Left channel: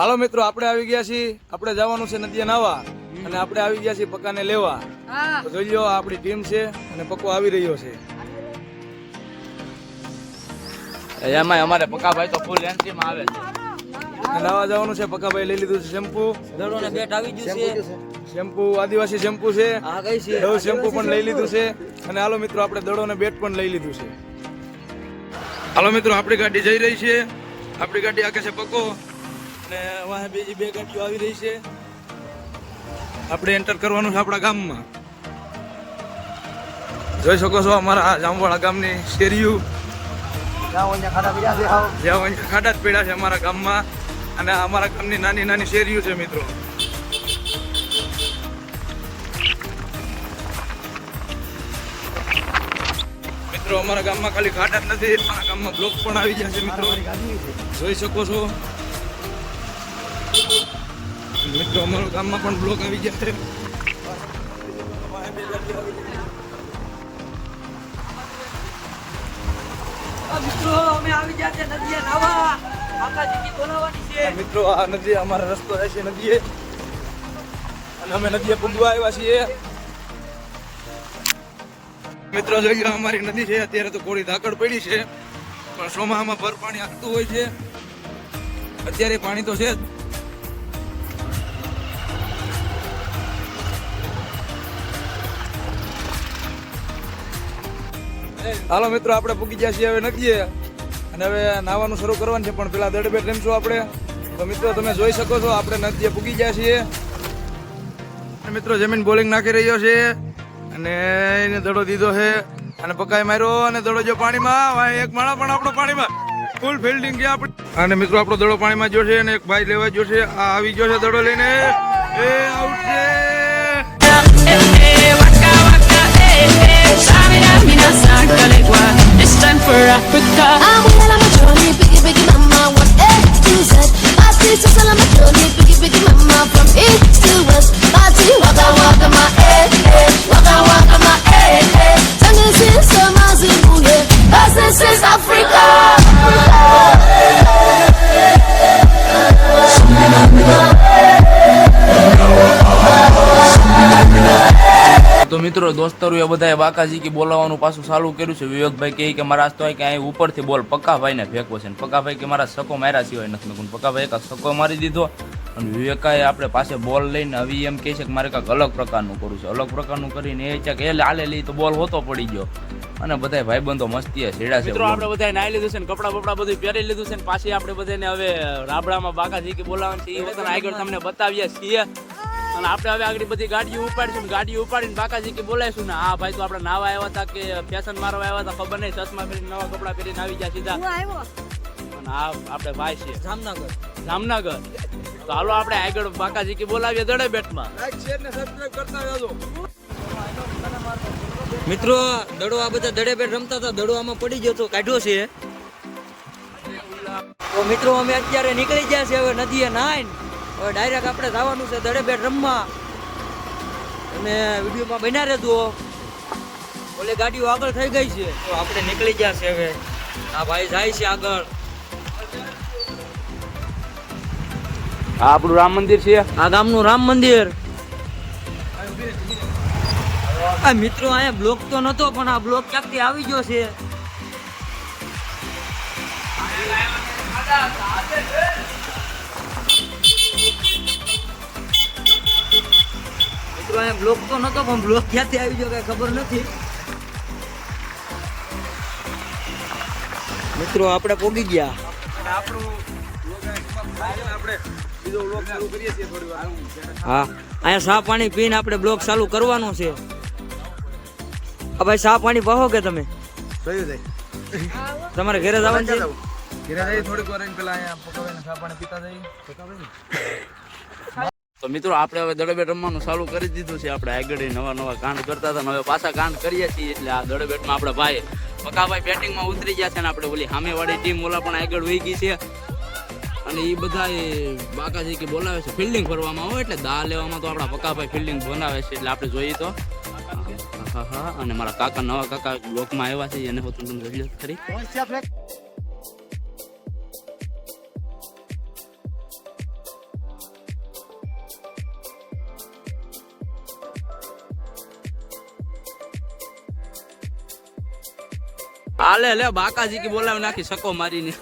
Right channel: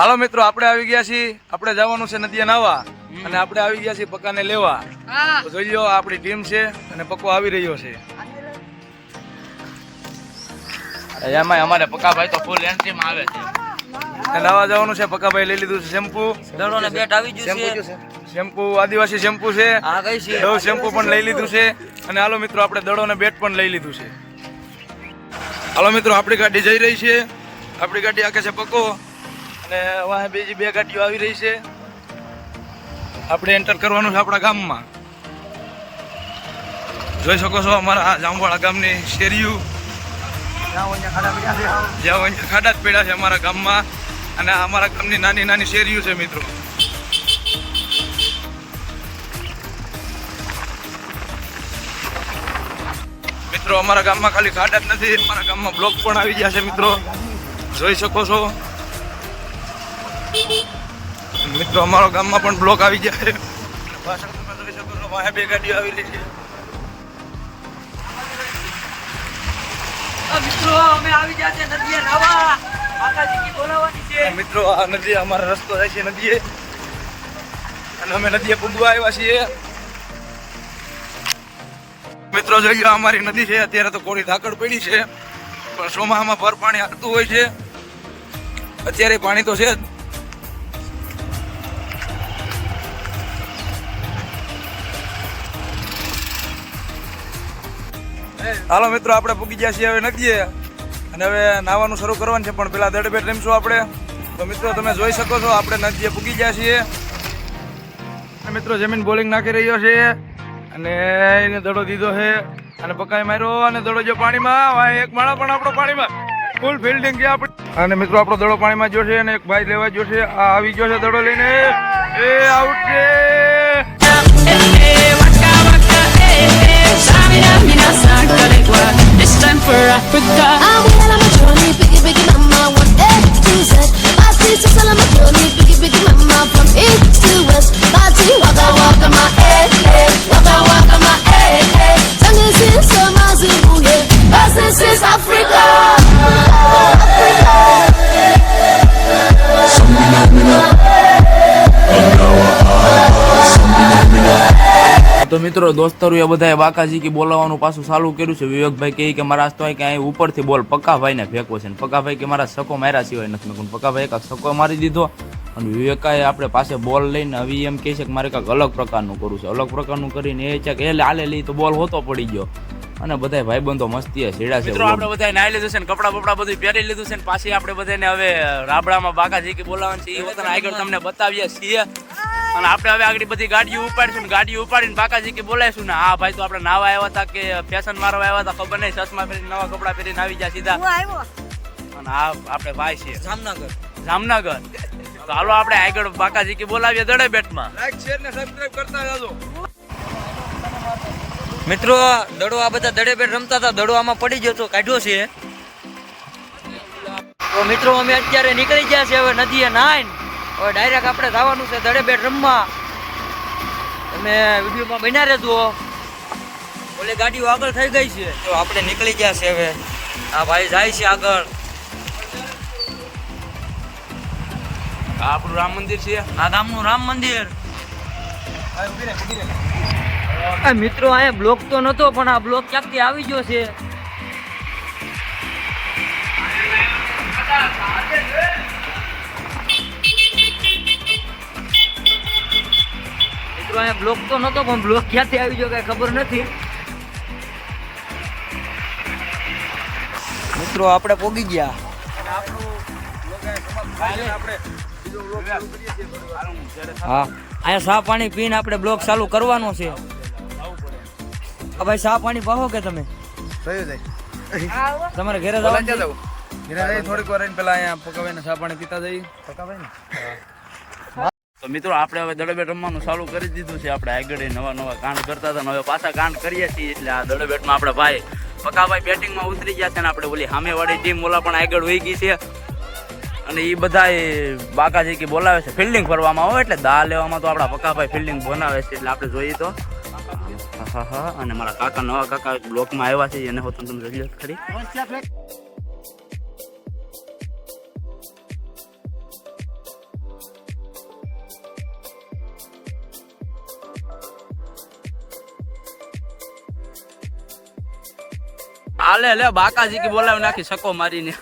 હાલો મિત્રો, આપણે આવી ગયા છીએ. આપણે જવાનું છે નદીએ નાવા અને આપણે આવી ગયા છીએ પક્કાને લેવા. તો જોઈ લો, આપણી ટીમ છે અને પક્કો આવી રહ્યો છે. એમાં અમારે પક્કાભાઈ તો ફૂલ એન્ટ્રીમાં આવે છે. નાવા જવાનું છે. પક્કાભાઈ લઈ લીધું છે શેમ્પુ. દડો ને બેટ આવી ગયું છે. શેમ્પુ આદિવાસી શેમ્પુ છે. આ કઈ છે? ડવ શેમ્પુ પણ લઈ લીધું છે. અને હાલો મિત્રો, આપણે દડો ને બેટ પણ લઈ લીધું છે. હાલો મિત્રો, આપણી ગાડી જઈ રહી છે. આપણી ગાડી આખે છે પક્કો અને વાહ બીજી બે ગાડીઓ આવી રહી છે. આપણે એન્ટર કરવાનું છે આપણા ગામમાં. જોઈ શકો છો અમારા જામવાળા ગામની શેરીયું. જ્યાં ખાડા જ પડ્યા છે અમારા ગામમાં અને અમારા ગામની નાની નાની શેરીઓ છે મિત્રો. મિત્રો, અમારા ગામમાં ખાલી ખાડા જ નથી, અમારા ગામમાં બ્લોક પણ આવી ગયા છે મિત્રો. જોઈ શકો છો મિત્રો, અમારા ગામમાં પણ બ્લોક આવી ગયા છે. પાછળ તમે જોઈ શકો છો, વાહે બે ગાડીઓ આવી રહી છે. મિત્રો અમે આવી ગયા છે નદીએ નાવા. માતાજીની બોલાવવાની છે. મિત્રો, આ નદી અમારો રસ્તો જાય છે નદીએ અને અમે નદીએ પૂગવા આવ્યા છીએ. મિત્રો, જોઈ લો, અમારી નદી છે. અત્યારે તો કોરી ધાકડ પડી છે, પણ ચોમાસામાં ભર પાણી આવતું હોય છે. અત્યારે પાણી તો છે જ. હાલો મિત્રો, આપણે પૂગી ગયા છીએ હવે નદીએ અને હવે નાવાનું શરૂ કરવાનું છે, પણ પેલા દડબેટ રમશું આપણે. તો મિત્રો, તમે જોઈ શકો છો આપણે નદીએ પૂગી ગયા છીએ. મિત્રો, જમીન બોલિંગ નાખી રહ્યો છે અને એને દડો દીધો છે અને પકાઈ માર્યો અને દડો જો પાણીમાં. એક માણા પણ આપણો પાણીમાં ફૂલ ફિલ્ડિંગ છે આપણે. અને મિત્રો, આપણો દડો પાણીમાં જો છે અને એક ભાઈ લેવા જો છે. આ આવી ગયો છે દડો લઈને. એ આઉટ છે. It's time for Africa. I'm well on my journey, biggie, biggie, mama, one A to Z. My teacher's all on my journey, biggie, biggie, mama, from east to west. My tea, waka, waka, my waka, waka, my Tango is so Mazimu, yeah. Cause this is Africa. તો મિત્રો, દોસ્તારો એ બધાએ બાકાજી કે બોલાવવાનું પાછું ચાલુ કર્યું છે. વિવેકભાઈ કહે કે મારા તો કે અહીં ઉપરથી બોલ પક્કાભાઈને ફેંકવો છે. પક્કાભાઈ કે મારા સકો માર્યા સિવાય નથી મેં. પક્કાભાઈ કાંક સકો મારી દીધો અને વિવેકાએ આપણે પાસે બોલ લઈને હવે એમ કહે છે કે મારે કાંઈક અલગ પ્રકારનું કરવું છે. અલગ પ્રકારનું કરીને એ છે કે એ હાલે લઈ તો બોલ હોતો પડી ગયો અને બધા ભાઈબંધો મસ્તી છેડા છે. મિત્રો, આપણે બધા નાઈ લીધું છે ને કપડા બપડા બધું પહેરી લીધું છે ને પાછી આપણે બધાને હવે રાબડામાં બાકાજી કે બોલાવવાનું છે. એ વખત આગળ તમને બતાવીએ છીએ અને આપણે હવે આગળ બધી ગાડીઓ ઉપાડીશું ને ગાડીઓ ઉપાડીને બાકાજી કે બોલાવીશું ને. હા ભાઈ, તો આપણે નાવા આવ્યા હતા કે ફેશન મારવા આવ્યા હતા ખબર નહીં. ચશ્મા પહેરીને નવા કપડા પહેરીને આવી ગયા સીધા. અને આ આપણે ભાઈ છે જામનગર. તો હાલો આપણે આગળ બાકાજી કે બોલાવીએ દડે બેટમાં. લાઈક, શેર ને સબસ્ક્રાઇબ કરતા રહેજો. મિત્રો, દડો આ બધા દડે બેટ રમતા હતા. દડો આમાં પડી ગયો તો કાઢ્યો છે. તો મિત્રો, અમે અત્યારે નીકળી ગયા છે હવે નદીએ નાઈને. હવે ડાયરેક્ટ આપણે જવાનું છે દડે બેટ રમવા. તમે વિડીયોમાં બન્યા રહેજો. ઓલી ગાડીઓ આગળ થઈ ગઈ છે તો આપણે નીકળી ગયા છે હવે. આ ભાઈ જાય છે આગળ. આ આપણું રામ મંદિર છે. આ ગામનું રામ મંદિર. મિત્રો, અહીંયા બ્લોક તો નતો પણ આ બ્લોક ક્યાંકથી આવી ગયો છે. મિત્રો, અહીંયા બ્લોક તો નતો પણ બ્લોક ક્યાંથી આવી ગયો કઈ ખબર નથી. મિત્રો, આપણે પોગી ગયા. હા, અહીંયા સા પાણી પીને આપણે બ્લોક ચાલુ કરવાનો છે. ભાઈ, સા પાણી પાહો કે તમે તમારે ઘરે જવાનું છે? ઘરે જઈ થોડીક વાર પેલા અહીંયા પકાવીને ચા પાણી પીતા જઈ. તો મિત્રો, આપણે હવે દડો બેટ રમવાનું ચાલુ કરી દીધું છે. આપણે આગળ નવા કાંડ કરતા હતા હવે પાછા કાંડ કરીએ છીએ. એટલે આ દડો બેટમાં આપણે ભાઈ પકાભાઈ બેટિંગમાં ઉતરી ગયા છે ને આપણે ઓલી સામેવાળી ટીમ ઓલા પણ આગળ વહી ગઈ છે. અને એ બધા બાકાજી કે બોલાવે છે ફિલ્ડિંગ કરવામાં આવે એટલે દા લેવામાં તો આપણા પકાભાઈ ફિલ્ડિંગ બનાવે છે. એટલે આપણે જોઈએ તો હા. અને મારા કાકા નવા કાકા બ્લોકમાં આવ્યા છે એને હોતું તમે જોઈ લો ખરી. હાલે લે બાકાજી કે બોલાવી નાખી સકો મારીને